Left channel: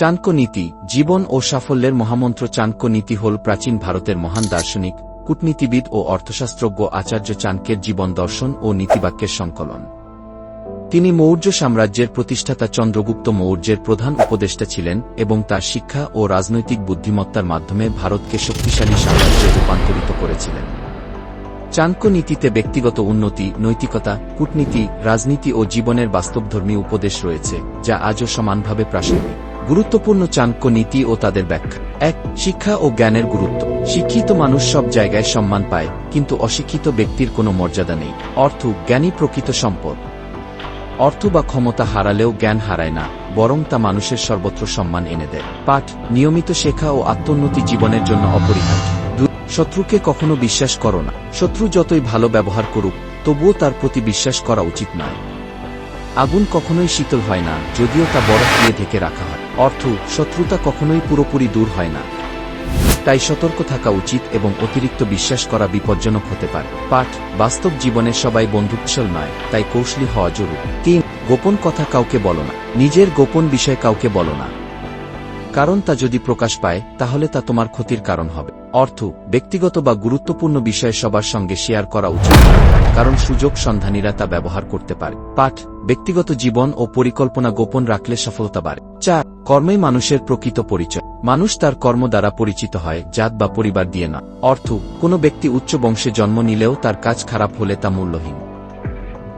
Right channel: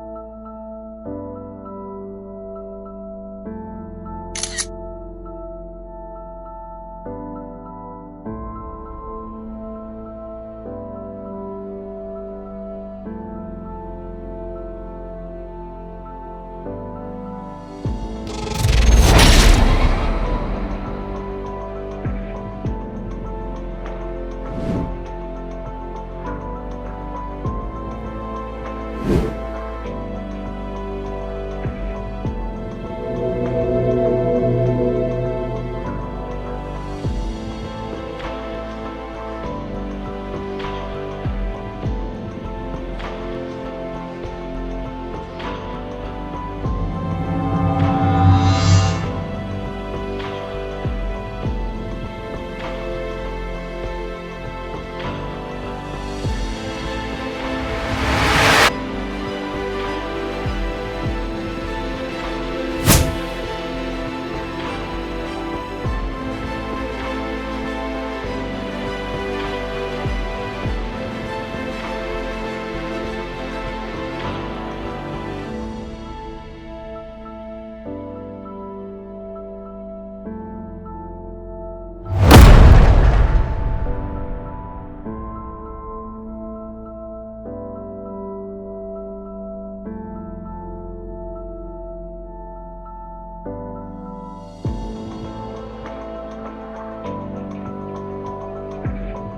চাণক্য নীতি, জীবন ও সাফল্যের মহামন্ত্র চাণক্য নীতি হল প্রাচীন ভারতের মহান দার্শনিক, কূটনীতিবিদ ও অর্থশাস্ত্রজ্ঞ আচার্য চাণক্যের জীবন দর্শন ও নীতিবাক্যের সংকলন। তিনি মৌর্য সাম্রাজ্যের প্রতিষ্ঠাতা চন্দ্রগুপ্ত মৌর্যের প্রধান উপদেষ্টা ছিলেন এবং তার শিক্ষা ও রাজনৈতিক বুদ্ধিমত্তার মাধ্যমে ভারতকে শক্তিশালী সাম্রাজ্যে রূপান্তরিত করেছিলেন। চাণক্য নীতিতে ব্যক্তিগত উন্নতি, নৈতিকতা, কূটনীতি, রাজনীতি ও জীবনের বাস্তবধর্মী উপদেশ রয়েছে, যা আজও সমানভাবে প্রাসঙ্গিক। গুরুত্বপূর্ণ চাণক্য নীতি ও তাদের ব্যাখ্যা। এক, শিক্ষা ও জ্ঞানের গুরুত্ব। শিক্ষিত মানুষ সব জায়গায় সম্মান পায়, কিন্তু অশিক্ষিত ব্যক্তির কোনো মর্যাদা নেই। অর্থ জ্ঞানী প্রকৃত সম্পদ। অর্থ বা ক্ষমতা হারালেও জ্ঞান হারায় না, বরং তা মানুষের সর্বত্র সম্মান এনে দেয়। পাঠ, নিয়মিত শেখা ও আত্মোন্নতি জীবনের জন্য অপরিহার্য। শত্রুকে কখনো বিশ্বাস করো না। শত্রু যতই ভালো ব্যবহার করুক, তবুও তার প্রতি বিশ্বাস করা উচিত নয়। আগুন কখনোই শীতল হয় না, যদিও তা বরফ দিয়ে থেকে রাখা হয়। অর্থ, শত্রুতা কখনোই পুরোপুরি দূর হয় না। তাই সতর্ক থাকা উচিত এবং অতিরিক্ত বিশ্বাস করা বিপজ্জনক হতে পারে। পাঠ, বাস্তব জীবনে সবাই বন্ধুত্বশল নয়, তাই কৌশলী হওয়া জরুরি। তিন, গোপন কথা কাউকে বলো না। নিজের গোপন বিষয় কাউকে বলো না। কারণ তা যদি প্রকাশ পায়, তাহলে তা তোমার ক্ষতির কারণ হবে। অর্থ, ব্যক্তিগত বা গুরুত্বপূর্ণ বিষয় সবার সঙ্গে শেয়ার করা উচিত। কারণ সুযোগ সন্ধানীরা তা ব্যবহার করতে পারে। পাঠ ব্যক্তিগত জীবন ও পরিকল্পনা গোপন রাখলে সফলতা বাড়ে। চার, কর্মই মানুষের প্রকৃত পরিচয়। মানুষ তার কর্ম দ্বারা পরিচিত হয়, জাত বা পরিবার দিয়ে না। অর্থ, কোনো ব্যক্তি উচ্চ বংশে জন্ম নিলেও তার কাজ খারাপ হলে তা মূল্যহীন।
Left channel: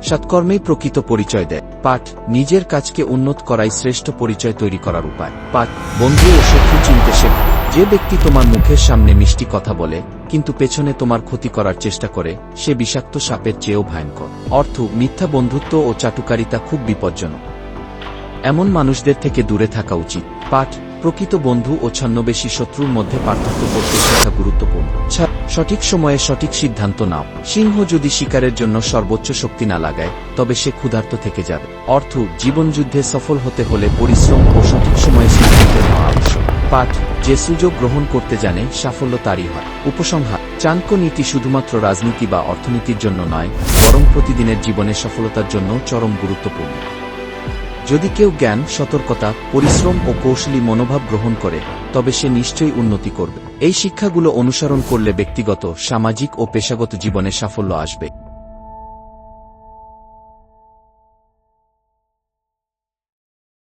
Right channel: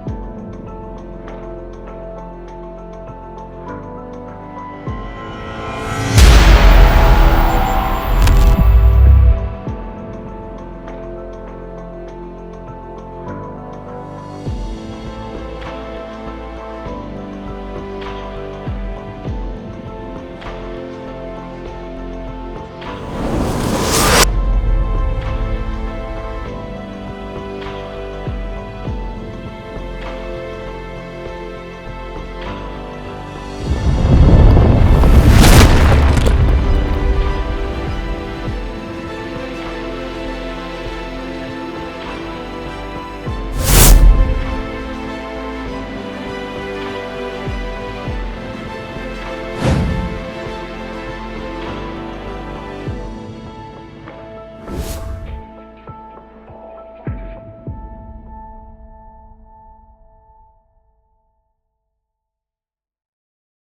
সৎকর্মেই প্রকৃত পরিচয় দেয়। পাঠ, নিজের কাজকে উন্নত করাই শ্রেষ্ঠ পরিচয় তৈরি করার উপায়। পাঠ, বন্ধু ও শত্রু চিনতে শেখা। যে ব্যক্তি তোমার মুখের সামনে মিষ্টি কথা বলে, কিন্তু পেছনে তোমার ক্ষতি করার চেষ্টা করে, সে বিষাক্ত সাপের চেয়েও ভয়ঙ্কর। অর্থ, মিথ্যা বন্ধুত্ব ও চাটুকারিতা খুব বিপজ্জনক। এমন মানুষদের থেকে দূরে থাকা উচিত। পাঠ, প্রকৃত বন্ধু ও ছদ্মবেশী শত্রুর মধ্যে পার্থক্য গুরুত্বপূর্ণ। সঠিক সময়ে সঠিক সিদ্ধান্ত নাও। সিংহ যদি শিকারের জন্য সর্বোচ্চ শক্তি না লাগায়, তবে সে ক্ষুধার্ত থেকে যাবে। অর্থ, জীবনযুদ্ধে সফল হতে হলে পরিশ্রম ও সঠিক সময়ে। পাঠ যে সুযোগ গ্রহণ করতে জানে সাফল্য তারই হয়। উপসংহার চাণক্য নীতি শুধুমাত্র রাজনীতি বা অর্থনীতির জন্য নয়, বরং প্রতিদিনের জীবনের সফলতার জন্য চরম গুরুত্বপূর্ণ। যদি কেউ জ্ঞান, সতর্কতা, পরিশ্রম ও কৌশলী মনোভাব গ্রহণ করে, তবে সে নিশ্চয়ই উন্নতি করবে। এই শিক্ষাগুলো অনুসরণ করলে ব্যক্তিগত, সামাজিক ও পেশাগত জীবনে সাফল্য আসবে।